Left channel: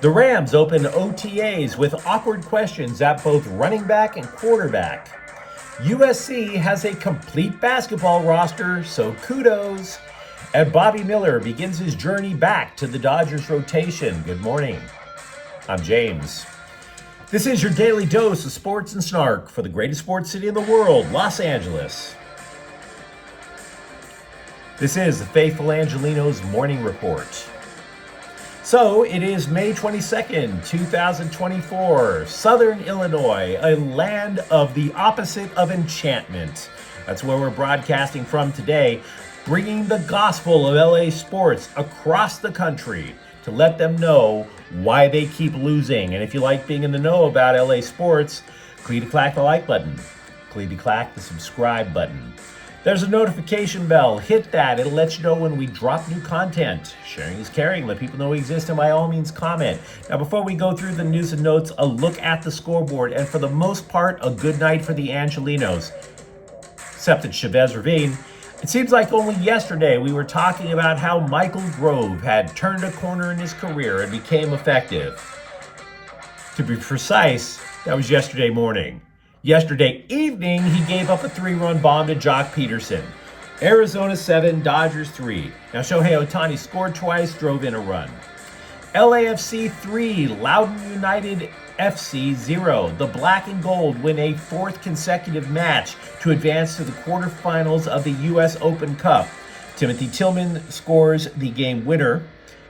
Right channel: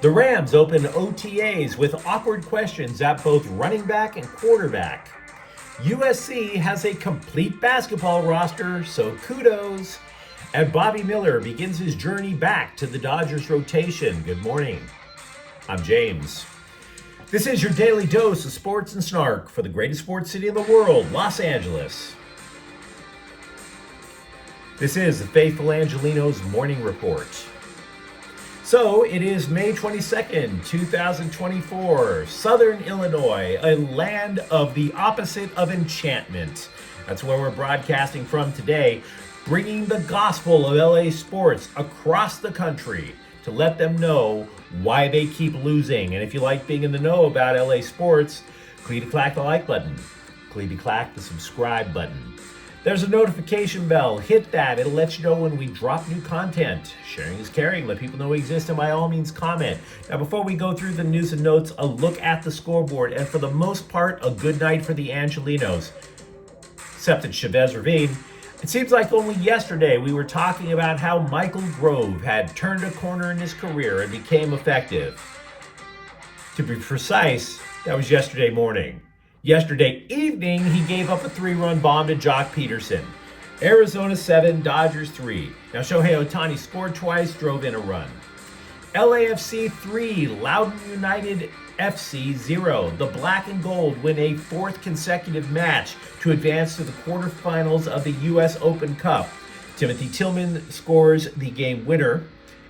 The Rams open OTAs with awkward questions at both running back and quarterback. USC has a complete basketball roster, so kudos. And Bobby Miller begins his journey back to the Dodgers rotation. Good morning. I'm James. This is your daily dose of sports and snark for the greatest sports city in the world, Los Angeles. This is the faithful Angelenos Morning Report. So it is May 22nd, 2024, Southern Illinois, a land of the opposite of enchantment. That's where we're broadcasting from today, bringing the gospel of LA sports across the country to let them know why they keep losing. And if you like being in the know about LA sports, click the like button, click the subscribe button. There's a notification bell. Hit that. It'll let you know when we drop new content. Sharing is caring. Let people know we exist, and by all means, comment. Now, before we go through the news and notes, a look at the scoreboard, and for the most part, a good night for the Angelenos, except at Chavez Ravine. It seems like only yesterday we were talking about how Michael Grove had turned a corner in his career and became effective. To be precise, that was yesterday morning. Yesterday evening, he gave up a 3-run bomb to Jock Peterson. Arizona 7, Dodgers 3. Now, Shohei Ohtani scored twice, drove in a run. LAFC 3, Loudoun United FC 0. The Black and Gold win a 4th consecutive match to advance to the quarterfinals of the U.S. Open Cup. Timothy Tillman scores the game winner.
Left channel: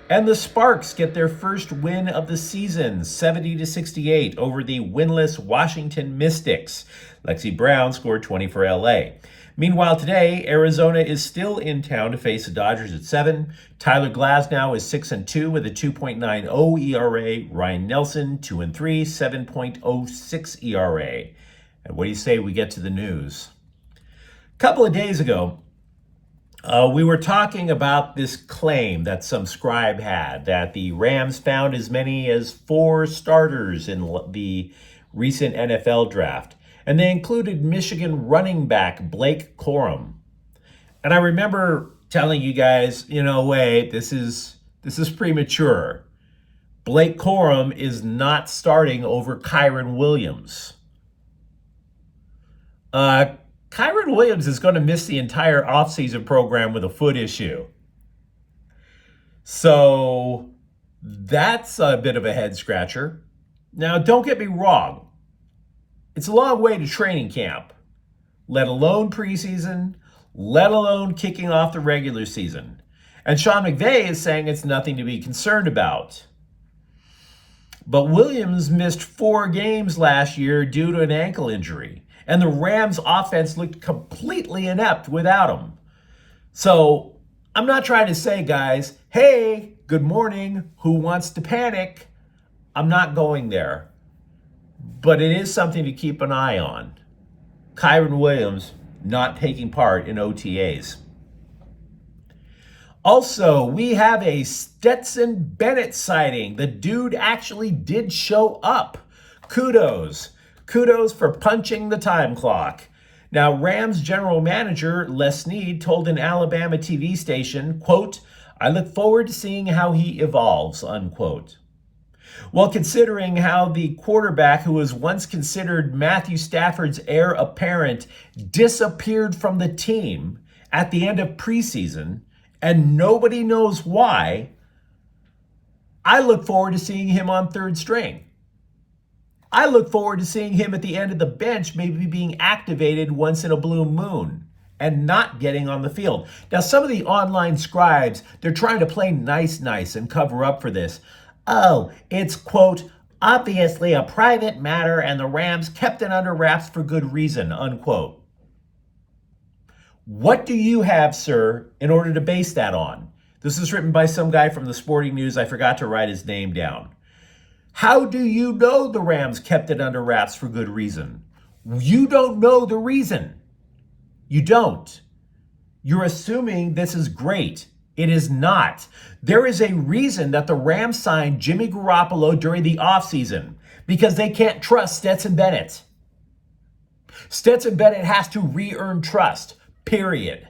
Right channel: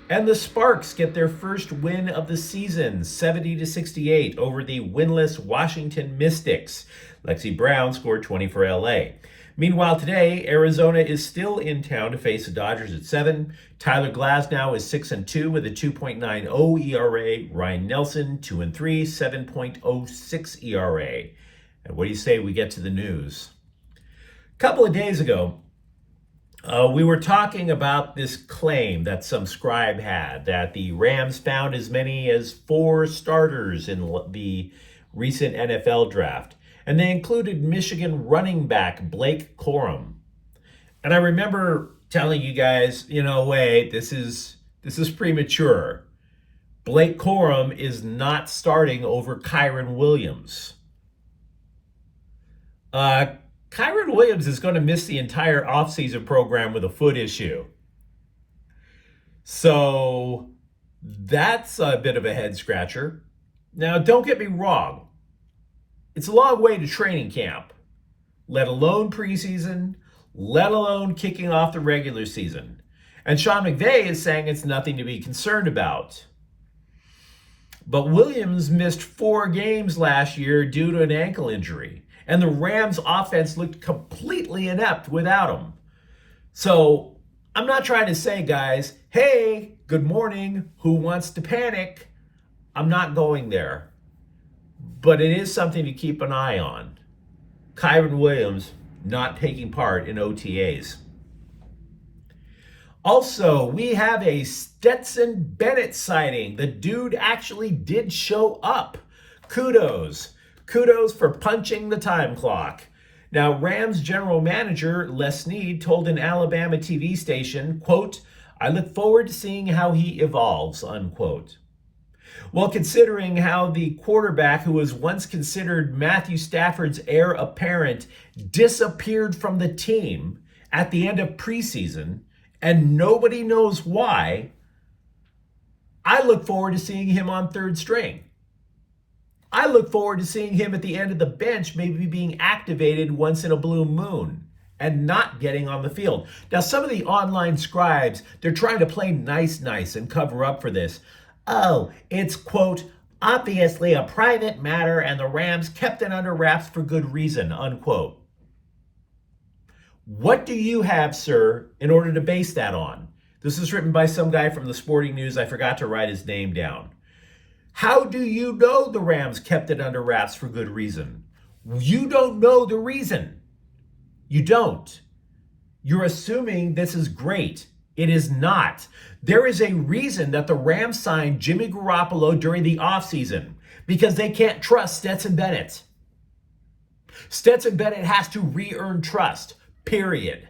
And the Sparks get their first win of the season, 70-68 over the winless Washington Mystics. Lexi Brown scored 20 for LA. Meanwhile, today, Arizona is still in town to face the Dodgers at 7. Tyler Glasnow is 6-2 with a 2.90 ERA. Ryan Nelson, 2-3, 7.06 ERA. And what do you say we get to the news? A couple of days ago, we were talking about this claim that some scribe had that the Rams found as many as 4 starters in the recent NFL draft. And they included Michigan running back Blake Corum. And I remember telling you guys, wait, this is premature. Blake Corum is not starting over Kyren Williams. Kyren Williams is going to miss the entire offseason program with a foot issue. So that's a bit of a head scratcher. Now, don't get me wrong. It's a long way to training camp, let alone preseason, let alone kicking off the regular season. And Sean McVay is saying it's nothing to be concerned about. But Williams missed 4 games last year due to an ankle injury. And the Rams offense looked completely inept without him. So I'm not trying to say, guys, hey, good morning, who wants to panic? I'm not going there. But it is something to keep an eye on. Kyren Williams not taking part in OTAs. Also, we have a Stetson Bennett sighting. The dude actually did show up. Kudos. Kudos for punching the time clock. Now, Rams general manager Les Snead told an Alabama TV station, quote, "I look forward to seeing how he evolves," unquote. Well, considering how the quarterback who was once considered Matthew Stafford's heir apparent disappeared from the team at the end of preseason, and nobody knows why, I look forward to seeing him on 3rd string. I look forward to seeing him at the end of the bench, maybe being activated once in a blue moon and not getting on the field. Now, some of the online scribes, they're trying to play nice and cover up for this. Oh, it's, quote, obviously a private matter and the Rams kept it under wraps for good reason, unquote. What do you have, sir, in order to base that on? This is written by some guy from the Sporting News. I forgot to write his name down. How do you know the Rams kept it under wraps for good reason? You don't know the reason. You don't. You're assuming this is great. It is not. There is a reason that the Rams signed Jimmy Garoppolo during the offseason, because they can't trust Stetson Bennett. Stetson Bennett has to re-earn trust, period.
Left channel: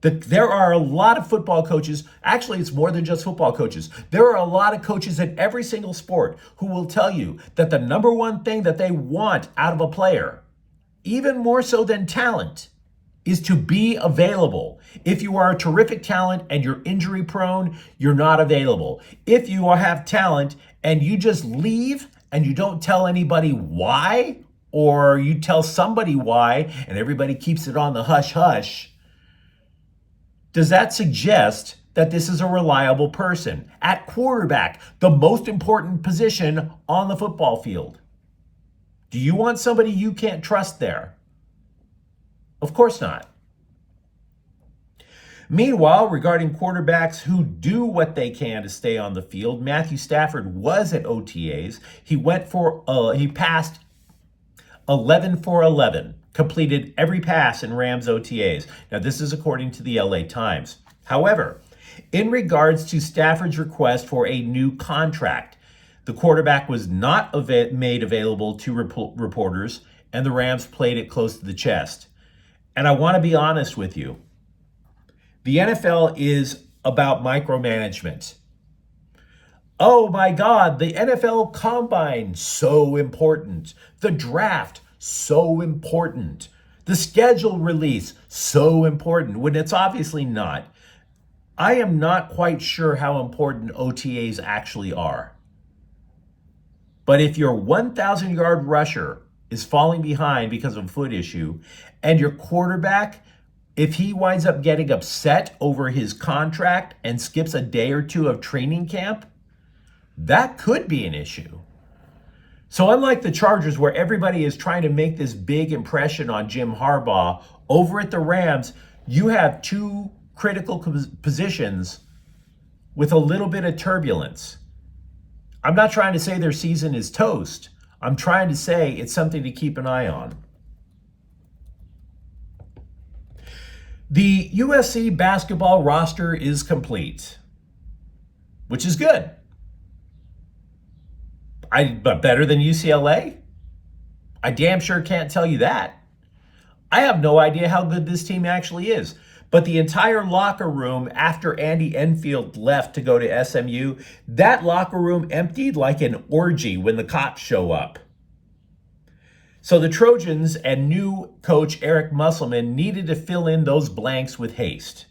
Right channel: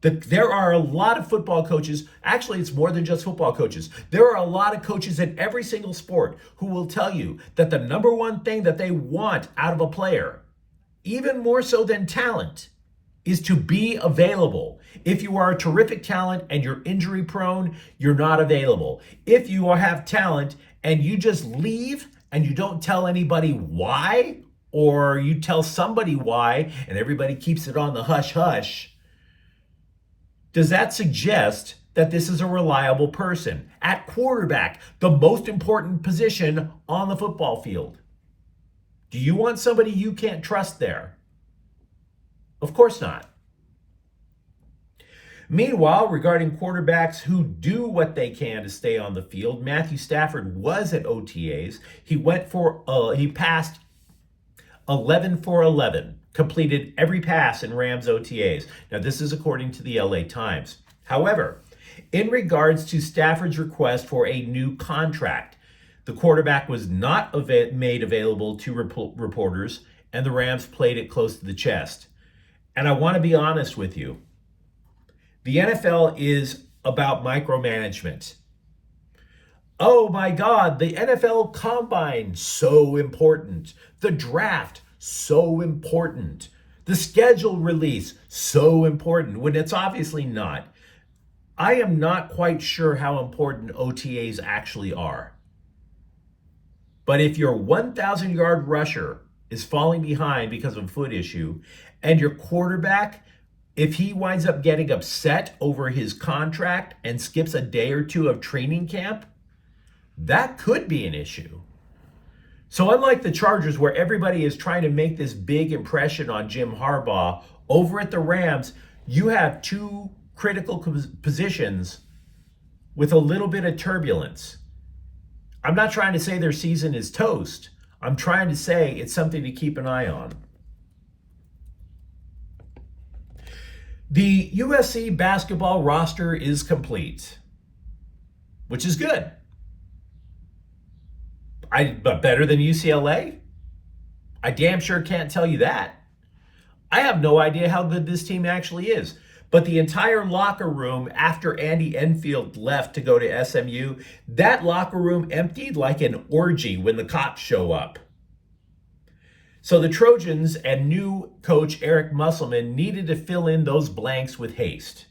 There are a lot of football coaches. Actually, it's more than just football coaches. There are a lot of coaches in every single sport who will tell you that the number one thing that they want out of a player, even more so than talent, is to be available. If you are a terrific talent and you're injury prone, you're not available. If you have talent and you just leave and you don't tell anybody why, or you tell somebody why and everybody keeps it on the hush hush, does that suggest that this is a reliable person? At quarterback, the most important position on the football field, do you want somebody you can't trust there? Of course not. Meanwhile, regarding quarterbacks who do what they can to stay on the field, Matthew Stafford was at OTAs. He passed 11 for 11, completed every pass in Rams OTAs. Now, this is according to the LA Times. However, in regards to Stafford's request for a new contract, the quarterback was not made available to reporters, and the Rams played it close to the chest. And I want to be honest with you. The NFL is about micromanagement. Oh my God, the NFL Combine, so important. The draft, so important. The schedule release, so important, when it's obviously not. I am not quite sure how important OTAs actually are. But if your 1,000-yard rusher is falling behind because of a foot issue, and your quarterback, if he winds up getting upset over his contract and skips a day or two of training camp, that could be an issue. So unlike the Chargers, where everybody is trying to make this big impression on Jim Harbaugh, over at the Rams, you have two critical positions with a little bit of turbulence. I'm not trying to say their season is toast. I'm trying to say it's something to keep an eye on. The USC basketball roster is complete, which is good. But better than UCLA? I damn sure can't tell you that. I have no idea how good this team actually is. But the entire locker room, after Andy Enfield left to go to SMU, that locker room emptied like an orgy when the cops show up. So the Trojans and new coach Eric Musselman needed to fill in those blanks with haste.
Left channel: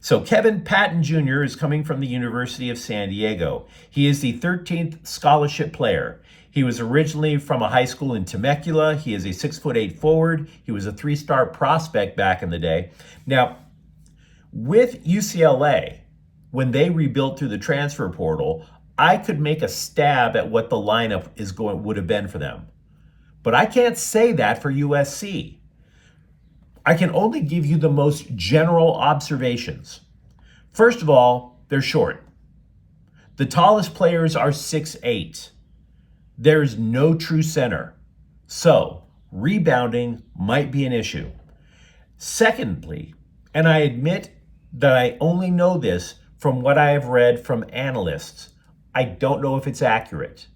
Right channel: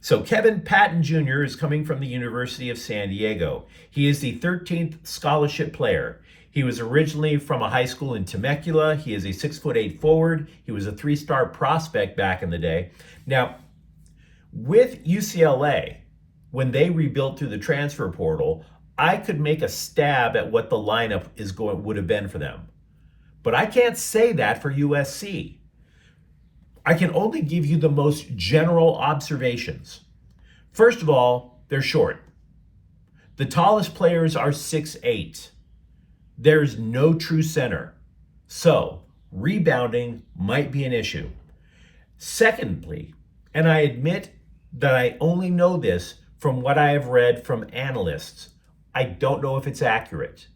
So Kevin Patton Jr. is coming from the University of San Diego. He is the 13th scholarship player. He was originally from a high school in Temecula. He is a 6'8" forward. He was a 3-star prospect back in the day. Now, with UCLA, when they rebuilt through the transfer portal, I could make a stab at what the lineup would have been for them. But I can't say that for USC. I can only give you the most general observations. First of all, they're short. The tallest players are 6'8". There's no true center. So, rebounding might be an issue. Secondly, and I admit that I only know this from what I have read from analysts, I don't know if it's accurate,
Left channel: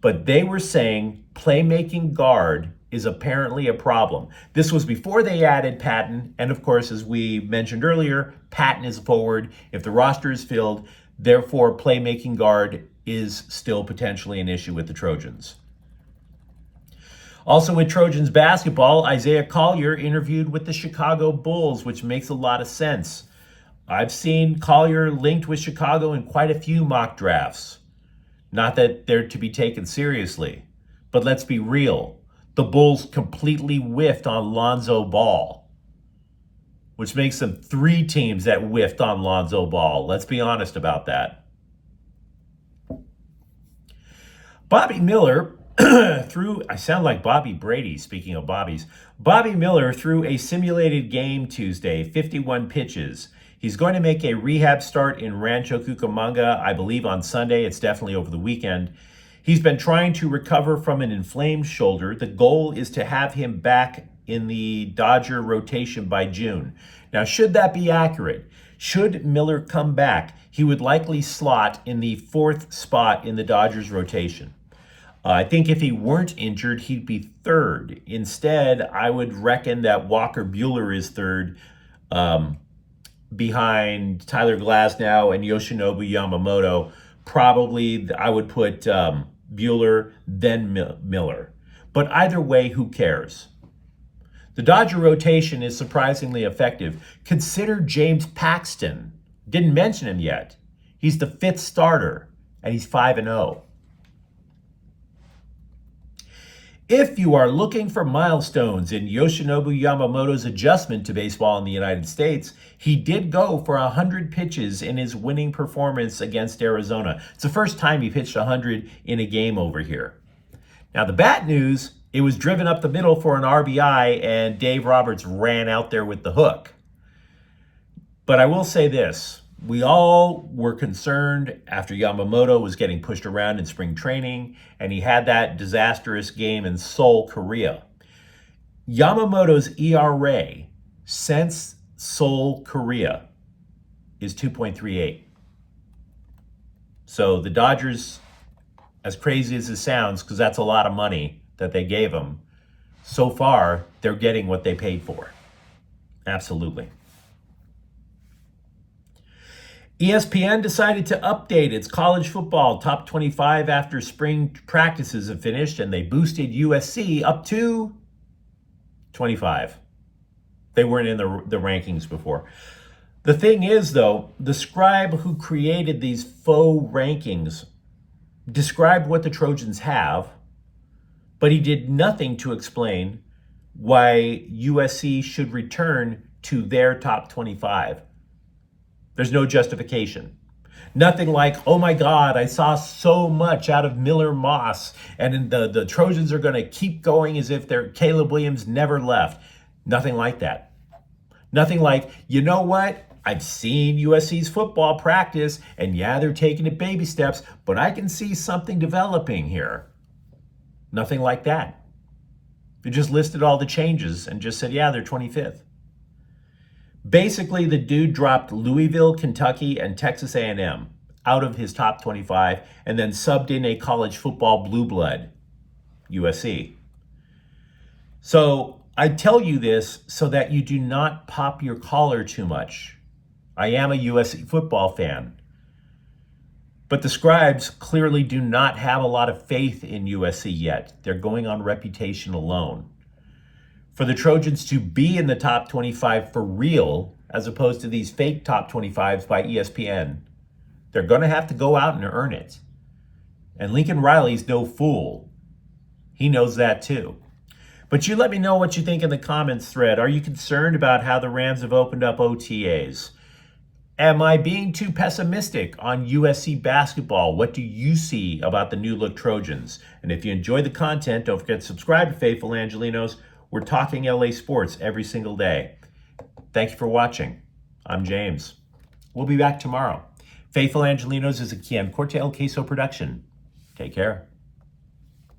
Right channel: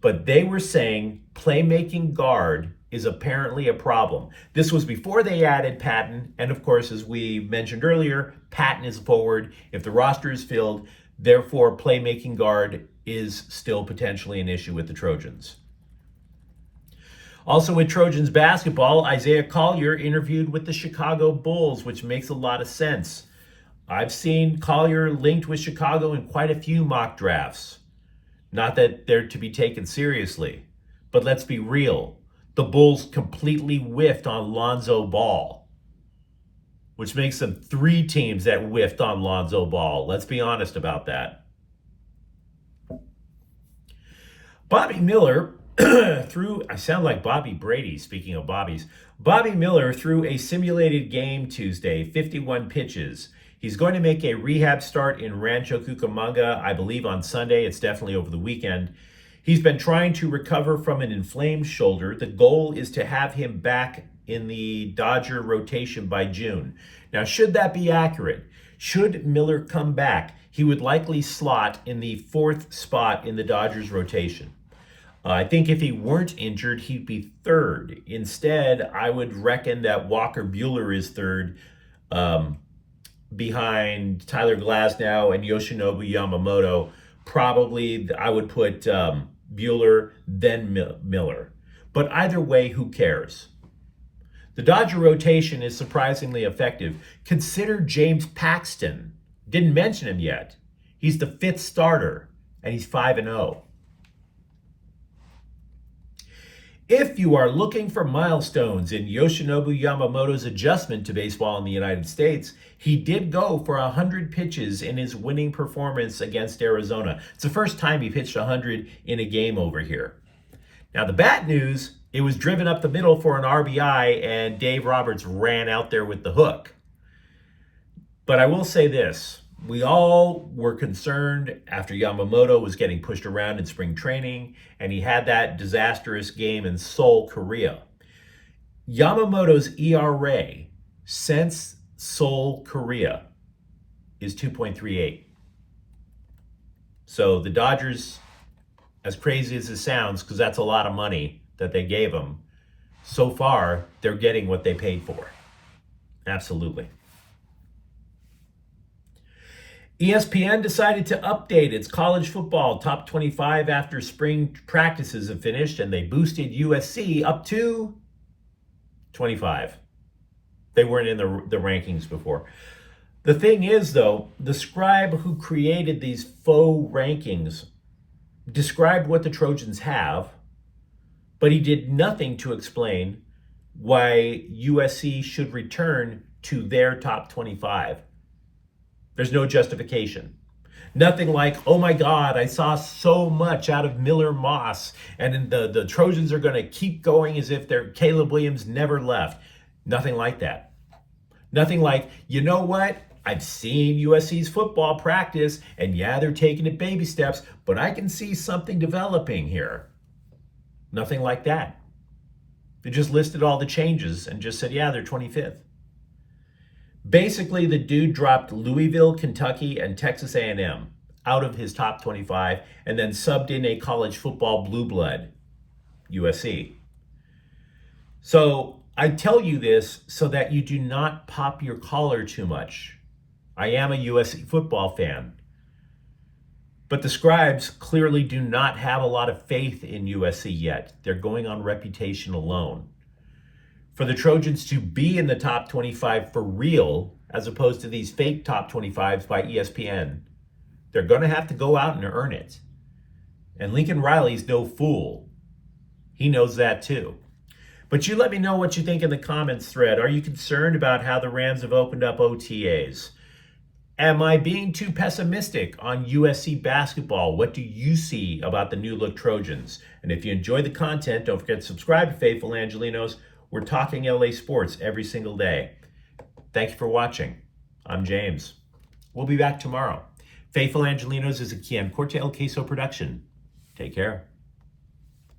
but they were saying playmaking guard is apparently a problem. This was before they added Patton, and of course, as we mentioned earlier, Patton is forward. If the roster is filled, therefore playmaking guard is still potentially an issue with the Trojans. Also with Trojans basketball, Isaiah Collier interviewed with the Chicago Bulls, which makes a lot of sense. I've seen Collier linked with Chicago in quite a few mock drafts. Not that they're to be taken seriously, but let's be real. The Bulls completely whiffed on Lonzo Ball, which makes them 3 teams that whiffed on Lonzo Ball. Let's be honest about that. Bobby Miller I sound like Bobby Brady, speaking of Bobbies. Bobby Miller threw a simulated game Tuesday, 51 pitches. He's going to make a rehab start in Rancho Cucamonga, I believe on Sunday. It's definitely over the weekend. He's been trying to recover from an inflamed shoulder. The goal is to have him back in the Dodger rotation by June. Now, should that be accurate, should Miller come back, he would likely slot in the 4th spot in the Dodgers rotation. I think if he weren't injured, he'd be 3rd. Instead, I would reckon that Walker Buehler is 3rd, behind Tyler Glasnow and Yoshinobu Yamamoto. Probably I would put Buehler, then Miller. But either way, who cares? The Dodger rotation is surprisingly effective. Consider James Paxton. Didn't mention him yet. He's the 5th starter, and he's 5-0. If you are looking for milestones in Yoshinobu Yamamoto's adjustment to baseball in the United States, he did go for 100 pitches in his winning performance against Arizona. It's the first time he pitched 100 in a game over here. Now, the bad news, it was driven up the middle for an RBI, and Dave Roberts ran out there with the hook. But I will say this. We all were concerned after Yamamoto was getting pushed around in spring training, and he had that disastrous game in Seoul, Korea. Yamamoto's ERA since Seoul, Korea is 2.38. So the Dodgers, as crazy as it sounds, because that's a lot of money that they gave him, so far they're getting what they paid for. Absolutely. ESPN decided to update its college football top 25 after spring practices have finished, and they boosted USC up to 25. They weren't in the rankings before. The thing is, though, the scribe who created these faux rankings described what the Trojans have, but he did nothing to explain why USC should return to their top 25. There's no justification. Nothing like, oh my God, I saw so much out of Miller Moss, and the Trojans are going to keep going as if Caleb Williams never left. Nothing like that. Nothing like, you know what? I've seen USC's football practice, and yeah, they're taking it baby steps, but I can see something developing here. Nothing like that. They just listed all the changes and just said, yeah, they're 25th. Basically, the dude dropped Louisville, Kentucky, and Texas A&M out of his top 25 and then subbed in a college football blue blood, USC. So I tell you this so that you do not pop your collar too much. I am a USC football fan. But the scribes clearly do not have a lot of faith in USC yet. They're going on reputation alone. For the Trojans to be in the top 25 for real, as opposed to these fake top 25s by ESPN, they're going to have to go out and earn it. And Lincoln Riley's no fool. He knows that too. But you let me know what you think in the comments thread. Are you concerned about how the Rams have opened up OTAs? Am I being too pessimistic on USC basketball? What do you see about the new look Trojans? And if you enjoy the content, don't forget to subscribe to Faithful Angelenos. We're talking LA sports every single day. Thank you for watching. I'm James. We'll be back tomorrow. Faithful Angelenos is a Kian Corte El Queso production. Take care.